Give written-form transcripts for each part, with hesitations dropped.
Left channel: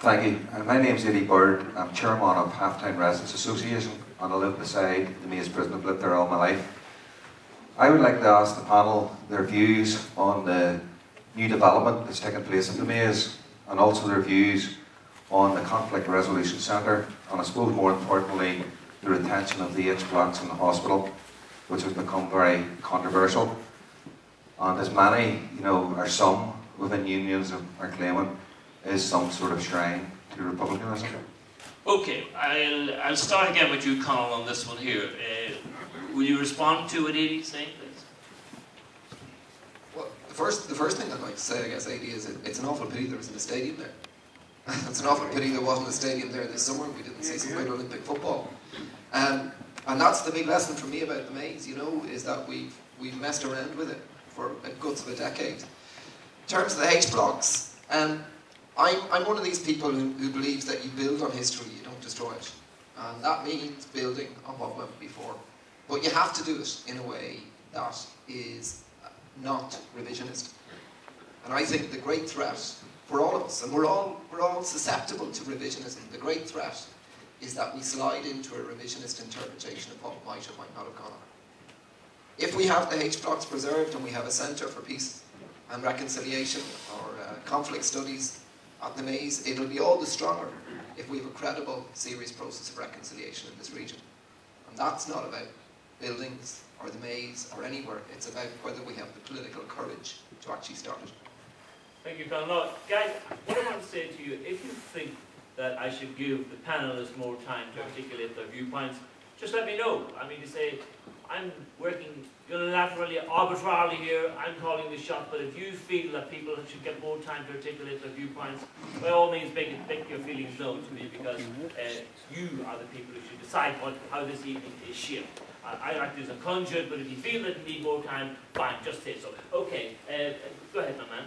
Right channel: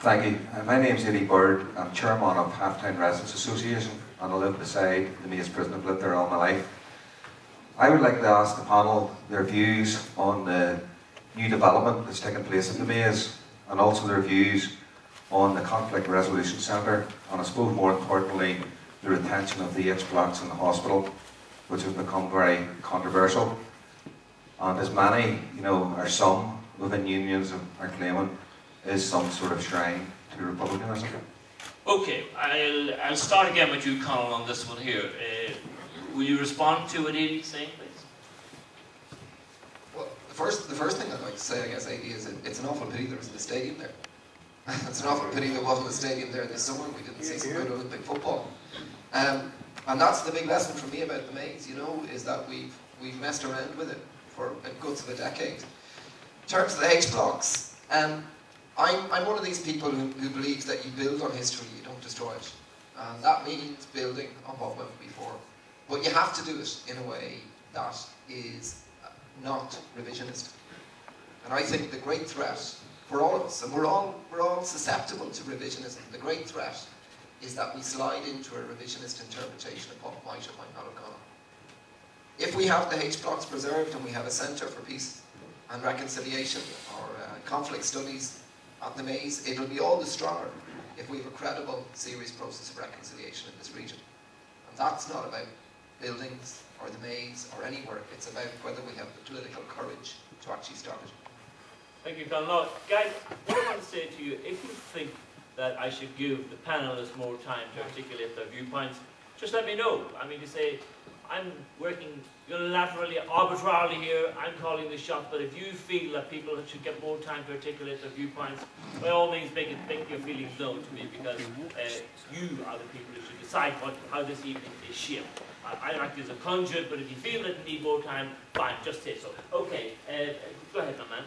Thank you. My name's Eddie Bird. I'm chairman of Halftime Residents Association, and I live beside the Maze prison. I've lived there all my life. I would like to ask the panel their views on the new development that's taking place at the Maze, and also their views on the Conflict Resolution Centre, and I suppose more importantly, the retention of the H blocks in the hospital, which has become very controversial. And as many, or some within unions are claiming, is some sort of shrine to republicanism. Okay, I'll start again with you, Conal, on this one here. Will you respond to what Eddie's saying, please? Well, the first thing I'd like to say, I guess, Eddie, is it's an awful pity there wasn't a stadium there. It's an awful pity there wasn't a stadium there this summer. We didn't see some good Olympic football. And that's the big lesson for me about the Maze, is that we've messed around with it for a guts of a decade. In terms of the H blocks, I'm one of these people who believes that you build on history, you don't destroy it. And that means building on what went before. But you have to do it in a way that is not revisionist. And I think the great threat for all of us, and we're all susceptible to revisionism, the great threat is that we slide into a revisionist interpretation of what might or might not have gone on. If we have the H blocks preserved and we have a centre for peace and reconciliation or conflict studies at the Maze, it'll be all the stronger if we have a credible, serious process of reconciliation in this region. And that's not about buildings or the Maze or anywhere. It's about whether we have the political courage to actually start it. Thank you, Conal. Now, guys, what I want to say to you, if you think that I should give the panelists more time to articulate their viewpoints, just let me know. I mean, to say, I'm working unilaterally, arbitrarily here, I'm calling the shot, but if you feel that people should get more time to articulate their viewpoints, by all means make your feelings known to me, because you are the people who should decide how this evening is shaped. I act as a conduit, but if you feel that you need more time, fine, just say so. Okay, go ahead, my man.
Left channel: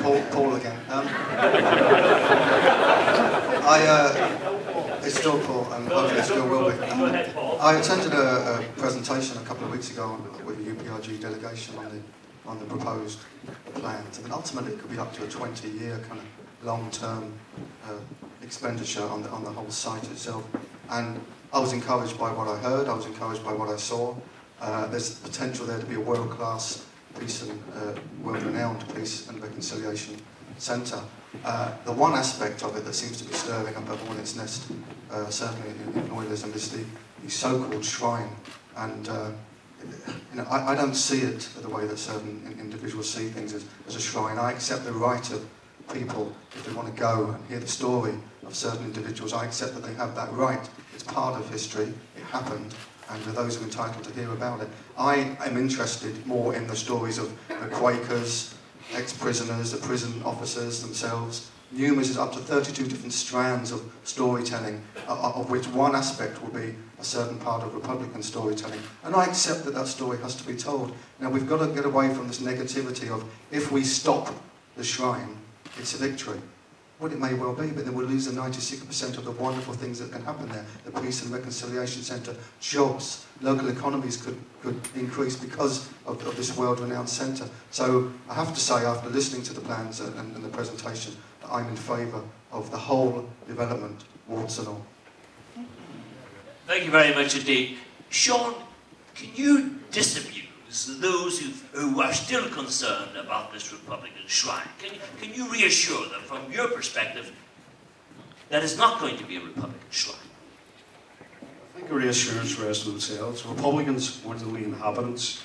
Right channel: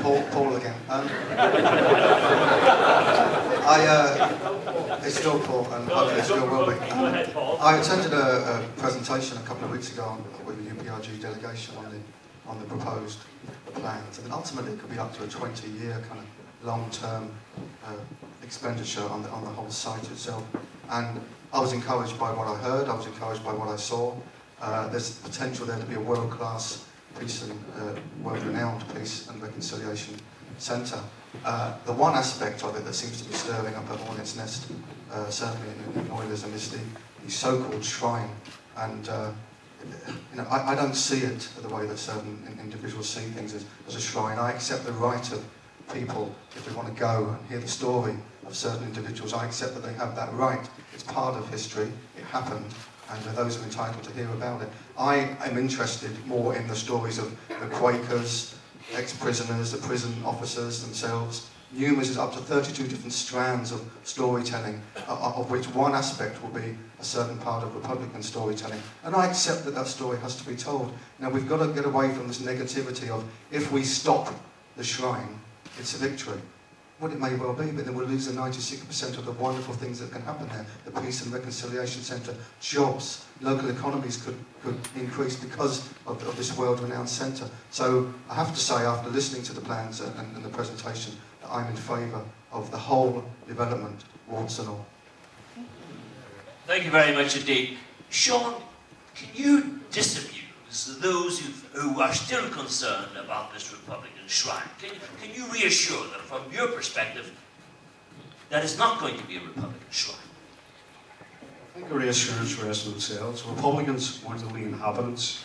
Paul again. It's still Paul, and hopefully it still will be. Go ahead, Paul. I attended a presentation a couple of weeks ago with the UPRG delegation on the proposed plans. I mean, ultimately, it could be up to a 20-year kind of long-term expenditure on the whole site itself. And I was encouraged by what I heard. I was encouraged by what I saw. There's potential there to be a world-class peace and world-renowned peace and reconciliation centre. The one aspect of it that seems to be stirring up a hornet's nest, certainly in Loyalism, is the so-called shrine. And I don't see it the way that certain individuals see things as a shrine. I accept the right of people, if they want to go and hear the story of certain individuals, I accept that they have that right. It's part of history. It happened. And those who are entitled to hear about it. I am interested more in the stories of the Quakers, ex-prisoners, the prison officers themselves. Numerous, up to 32 different strands of storytelling, of which one aspect will be a certain part of Republican storytelling. And I accept that story has to be told. Now, we've got to get away from this negativity of, if we stop the shrine, it's a victory. Well, it may well be, but then we'll lose the 96% of the wonderful things that can happen there. The Peace and Reconciliation Centre, jobs, local economies could increase because of this world-renowned centre. So I have to say, after listening to the plans and the presentation, that I'm in favour of the whole development, warts and all. Thank you very much indeed. Sean, can you disabuse those who are still concerned about this Republican shrine? Can you reassure them from your perspective that it's not going to be a Republican shrine? I think a reassurance rests on themselves. Republicans weren't the only inhabitants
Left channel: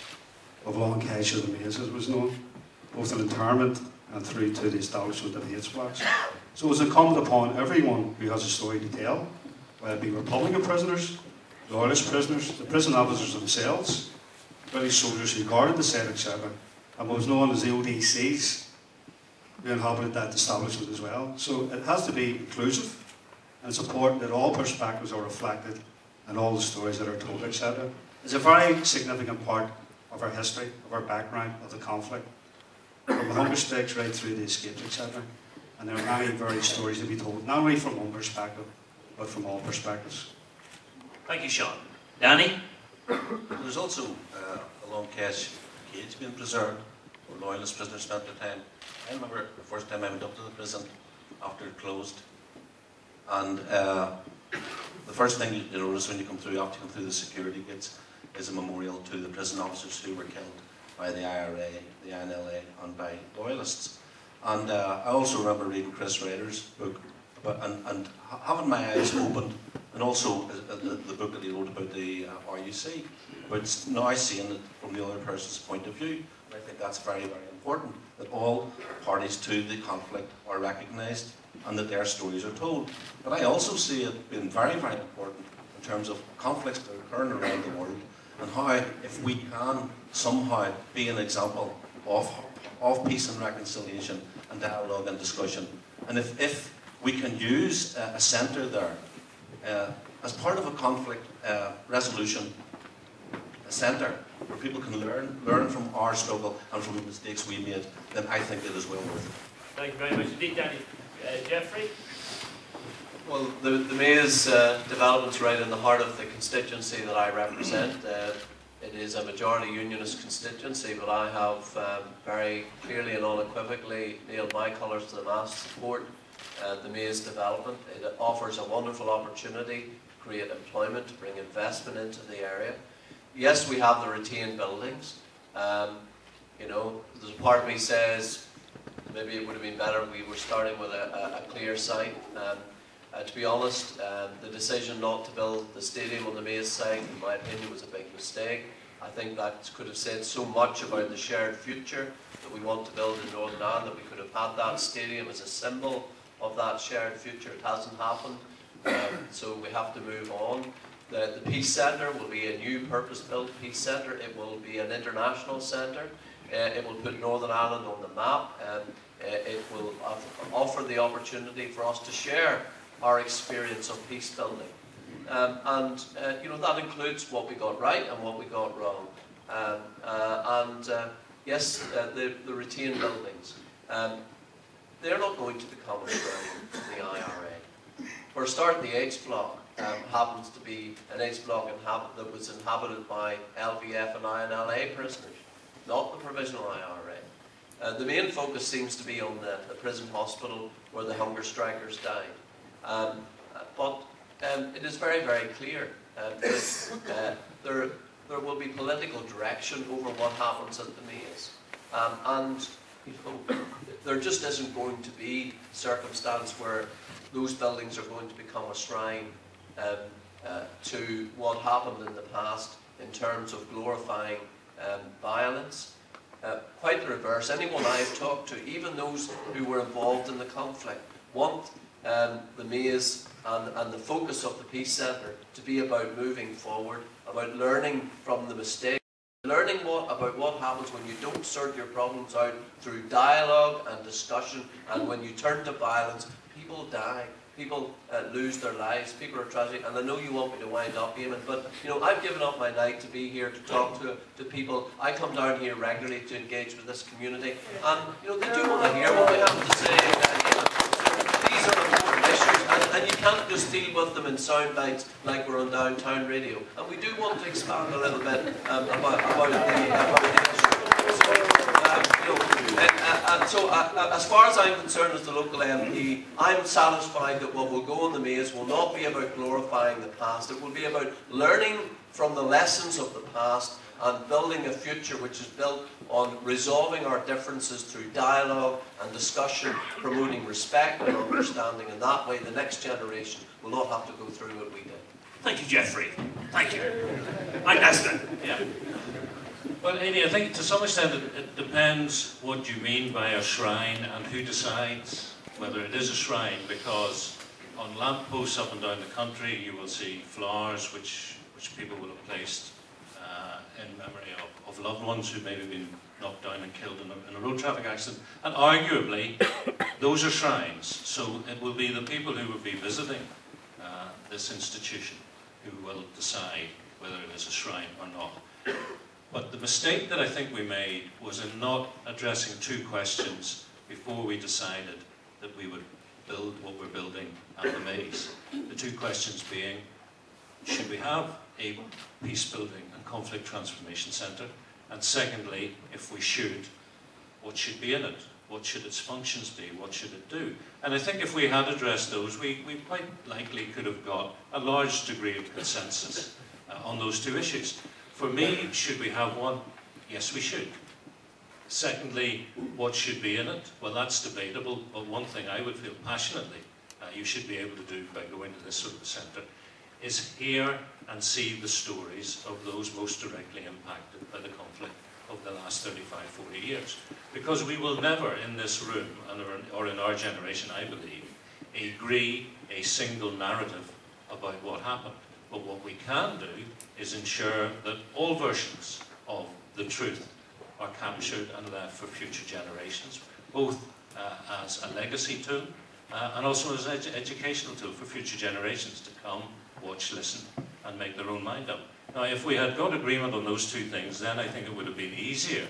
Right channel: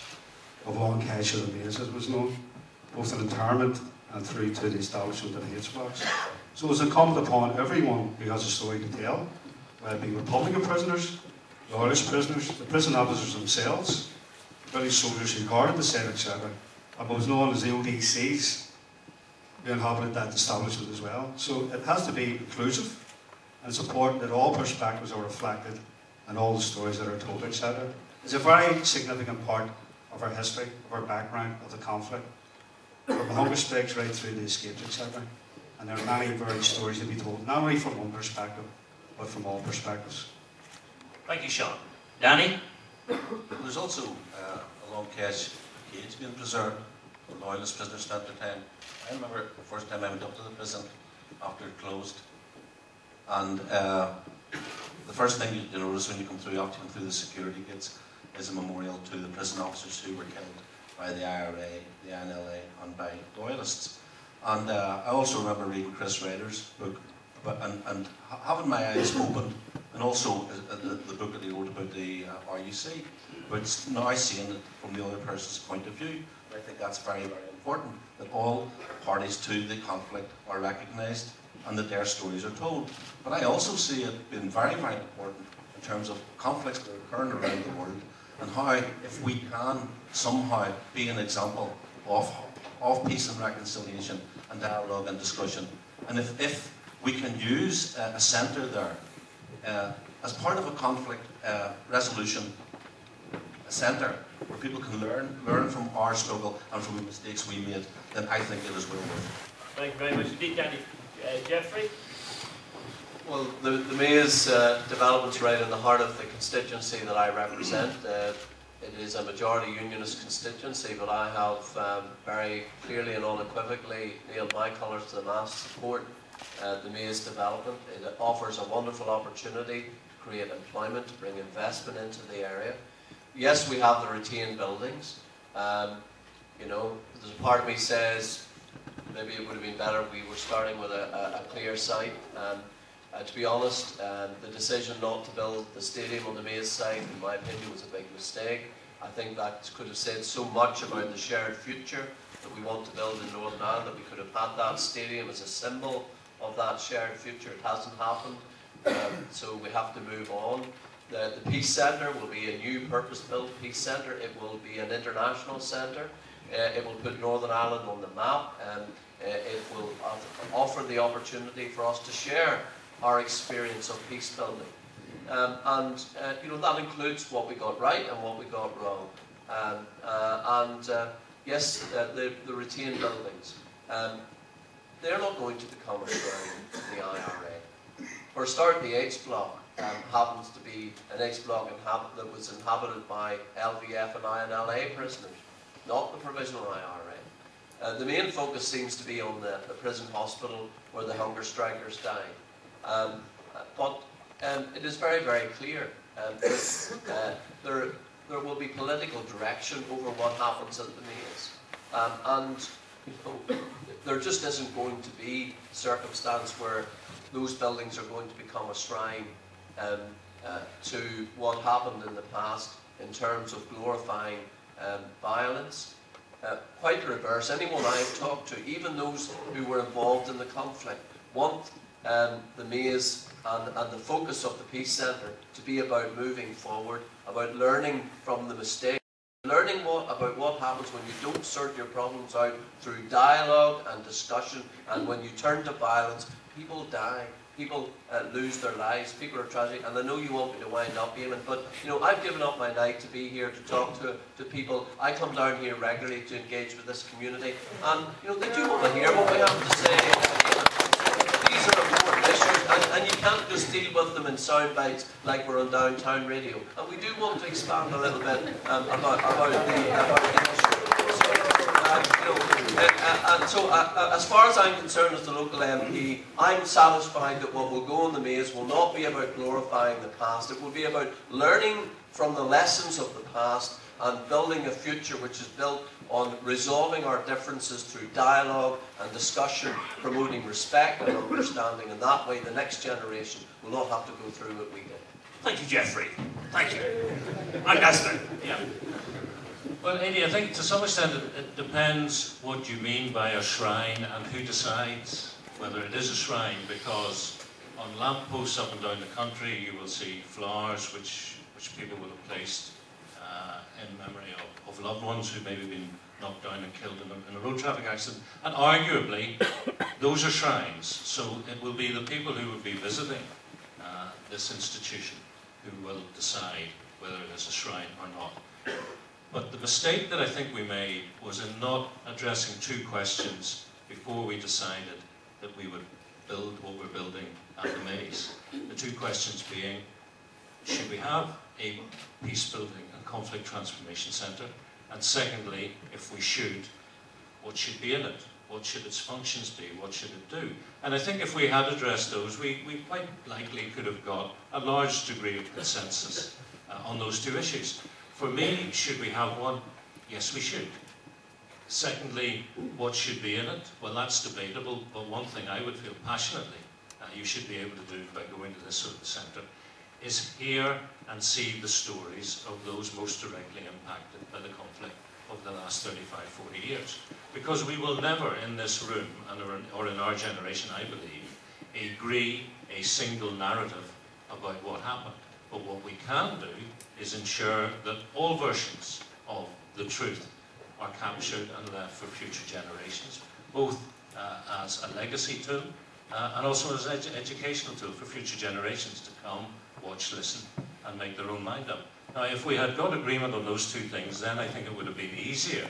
of Long Kesh or the Maze, as was known, both in internment and through to the establishment of the H blocks. So it's incumbent upon everyone who has a story to tell, whether it be Republican prisoners, Loyalist prisoners, the prison officers themselves, British soldiers who guarded the site, etc., and what was known as the ODCs, who inhabited that establishment as well. So it has to be inclusive, and it's important that all perspectives are reflected and all the stories that are told, etc. It's a very significant part of our history, of our background, of the conflict, from the hunger strikes right through the escapes, etc. And there are many varied stories to be told, not only from one perspective, but from all perspectives. Thank you, Sean. Danny? There's also a Long Kesh cage being preserved, where Loyalist prisoners spent their time. I remember the first time I went up to the prison after it closed, and the first thing you notice when you come through, after you come through the security gates, is a memorial to the prison officers who were killed by the IRA, the NLA, and by loyalists. And I also remember reading Chris Ryder's book, and having my eyes opened, and also the book that he wrote about the RUC, but now seeing it from the other person's point of view. I think that's very, very important, that all parties to the conflict are recognised and that their stories are told. But I also see it being very, very important in terms of conflicts that are occurring around the world, and how, if we can somehow be an example of peace and reconciliation and dialogue and discussion, and if we can use a centre there as part of a conflict resolution, a centre where people can learn from our struggle and from the mistakes we made, then I think it is well worth it. Thank you very much indeed, Danny. Jeffrey? Well, the Maze development's right in the heart of the constituency that I represent. It is a majority unionist constituency, but I have very clearly and unequivocally nailed my colours to the mast to support the Maze development. It offers a wonderful opportunity to create employment, to bring investment into the area. Yes, we have the retained buildings. You know, there's a part of me says maybe it would have been better if we were starting with a clear site. To be honest, the decision not to build the stadium on the Maze site, in my opinion, was a big mistake. I think that could have said so much about the shared future that we want to build in Northern Ireland, that we could have had that stadium as a symbol of that shared future. It hasn't happened, so we have to move on. The Peace Centre will be a new purpose-built Peace Centre. It will be an international centre. It will put Northern Ireland on the map. It will offer the opportunity for us to share our experience of peace building. You know, that includes what we got right and what we got wrong. Yes, the retained buildings. They're not going to become a strain to the IRA. For a start, the H block happens to be an H block that was inhabited by LVF and INLA prisoners, not the provisional IRA. The main focus seems to be on the prison hospital where the hunger strikers died. But it is very, very clear that there will be political direction over what happens at the Maze. You know, there just isn't going to be a circumstance where those buildings are going to become a shrine to what happened in the past in terms of glorifying violence. Quite the reverse. Anyone I've talked to, even those who were involved in the conflict, want the Maze and the focus of the Peace Centre to be about moving forward, about learning from the mistakes, learning about what happens when you don't sort your problems out through dialogue and discussion, and when you turn to violence, people die. People lose their lives, people are tragic, and I know you want me to wind up, Eamon, but you know, I've given up my night to be here to talk to people. I come down here regularly to engage with this community, and you know, they do want to hear what we have to say. These are important issues, and you can't just deal with them in sound bites like we're on downtown radio. And we do want to expand a little bit about the issue. So, as far as I'm concerned as the local MP, I'm satisfied that what will go on the Maze will not be about glorifying the past. It will be about learning from the lessons of the past and building a future which is built on resolving our differences through dialogue and discussion, promoting respect and understanding, and that way the next generation will not have to go through what we did. Thank you, Jeffrey. Thank you. Augusta. Yeah. Well, Amy, I think to some extent it depends what you mean by a shrine and who decides whether it is a shrine, because on lampposts up and down the country you will see flowers which people will have placed in memory of loved ones who maybe been knocked down and killed in a road traffic accident, and arguably those are shrines. So it will be the people who will be visiting this institution who will decide whether it is a shrine or not. But the mistake that I think we made was in not addressing two questions before we decided that we would build what we're building at the Maze. The two questions being, should we have a peace building and conflict transformation centre? And secondly, if we should, what should be in it? what should its functions be, what should it do. And I think if we had addressed those, we quite likely could have got a large degree of consensus on those two issues. For me, should we have one? Yes, we should. Secondly, what should be in it? Well, that's debatable, but one thing I would feel passionately you should be able to do by going to this sort of a centre is hear and see the stories of those most directly impacted by the conflict of the last 35, 40 years. Because we will never in this room, or in our generation, I believe, agree a single narrative about what happened. But what we can do is ensure that all versions of the truth are captured and left for future generations, both as a legacy tool and also as an educational tool for future generations to come, watch, listen, and make their own mind up. Now, if we had got agreement on those two things, then I think it would have been easier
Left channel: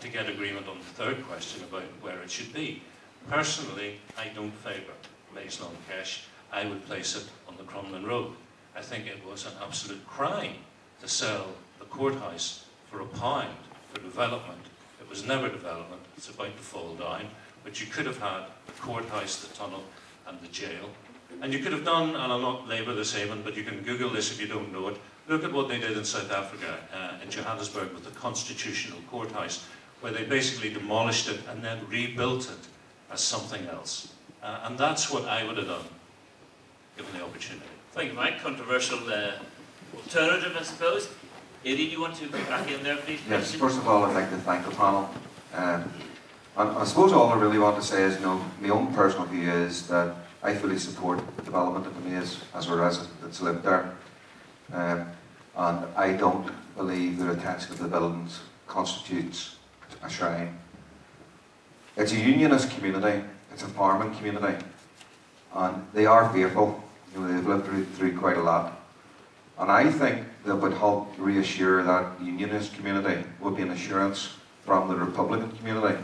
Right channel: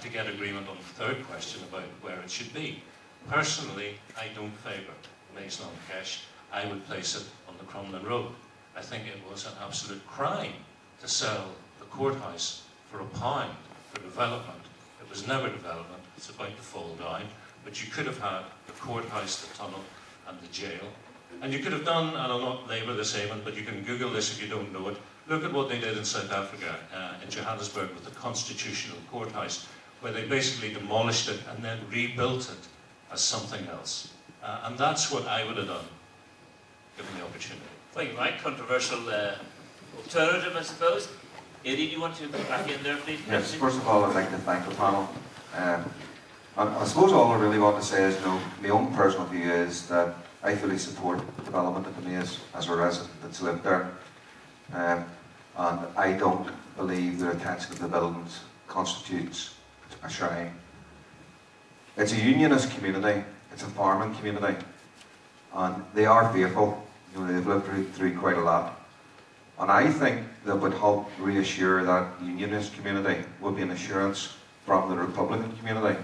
to get agreement on the third question about where it should be. Personally, I don't favour Maze Long Kesh. I would place it on the Crumlin Road. I think it was an absolute crime to sell the courthouse for £1 for development. It was never development. It's about to fall down. But you could have had the courthouse, the tunnel, and the jail. And you could have done, and I'll not labour this even, but you can Google this if you don't know it. Look at what they did in South Africa, in Johannesburg, with the Constitutional Courthouse, where they basically demolished it and then rebuilt it as something else. And that's what I would have done, given the opportunity. Thank you, Mike. Controversial alternative, I suppose. Eddie, do you want to go back in there, please? Yes, first of all, I'd like to thank the panel. And I suppose all I really want to say is, my own personal view is that I fully support the development of the Maze as a resident that's lived there. And I don't believe the retention of the buildings constitutes a shrine. It's a unionist community, it's a farming community, and they are fearful. They've lived through quite a lot. And I think that would help reassure that unionist community would be an assurance from the Republican community.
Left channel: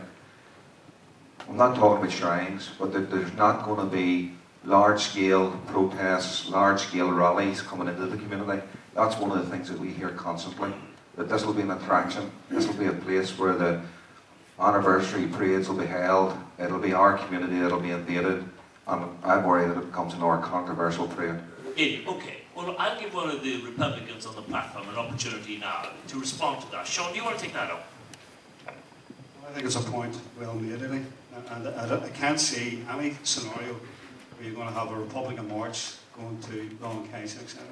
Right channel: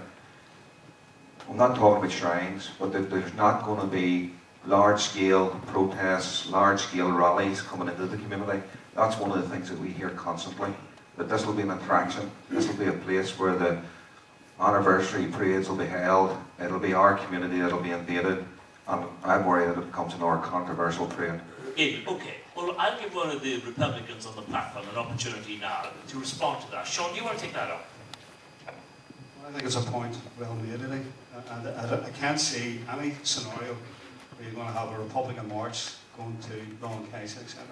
I'm not talking about shrines, but that there's not going to be large-scale protests, large-scale rallies coming into the community. That's one of the things that we hear constantly, that this will be an attraction, this will be a place where the anniversary parades will be held, it'll be our community that'll be invaded, and I'm worried that it becomes a more controversial parade. Okay, well, I'll give one of the Republicans on the platform an opportunity now to respond to that. Sean, do you want to take that up? I think it's a point well made, really. And I can't see any scenario where you're going to have a Republican march going to Long Kesh, etc.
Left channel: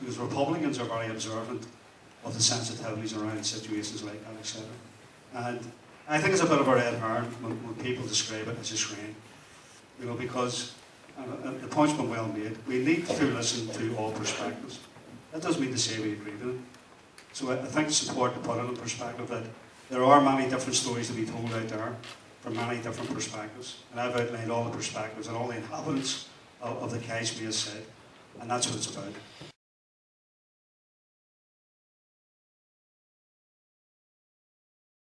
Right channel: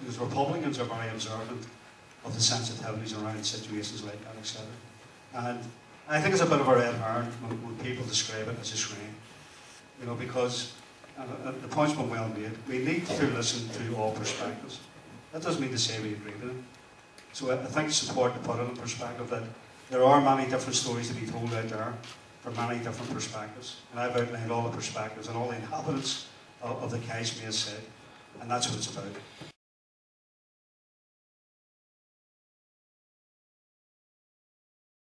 Because Republicans are very observant of the sensitivities around situations like that, etc. And I think it's a bit of a red herring when people describe it as a shrine. Because the point's been well made. We need to listen to all perspectives. That doesn't mean to say we agree with them. So I think it's important to put it in perspective that there are many different stories to be told out there from many different perspectives. And I've outlined all the perspectives and all the inhabitants of the Kesh Maze site. And that's what it's about.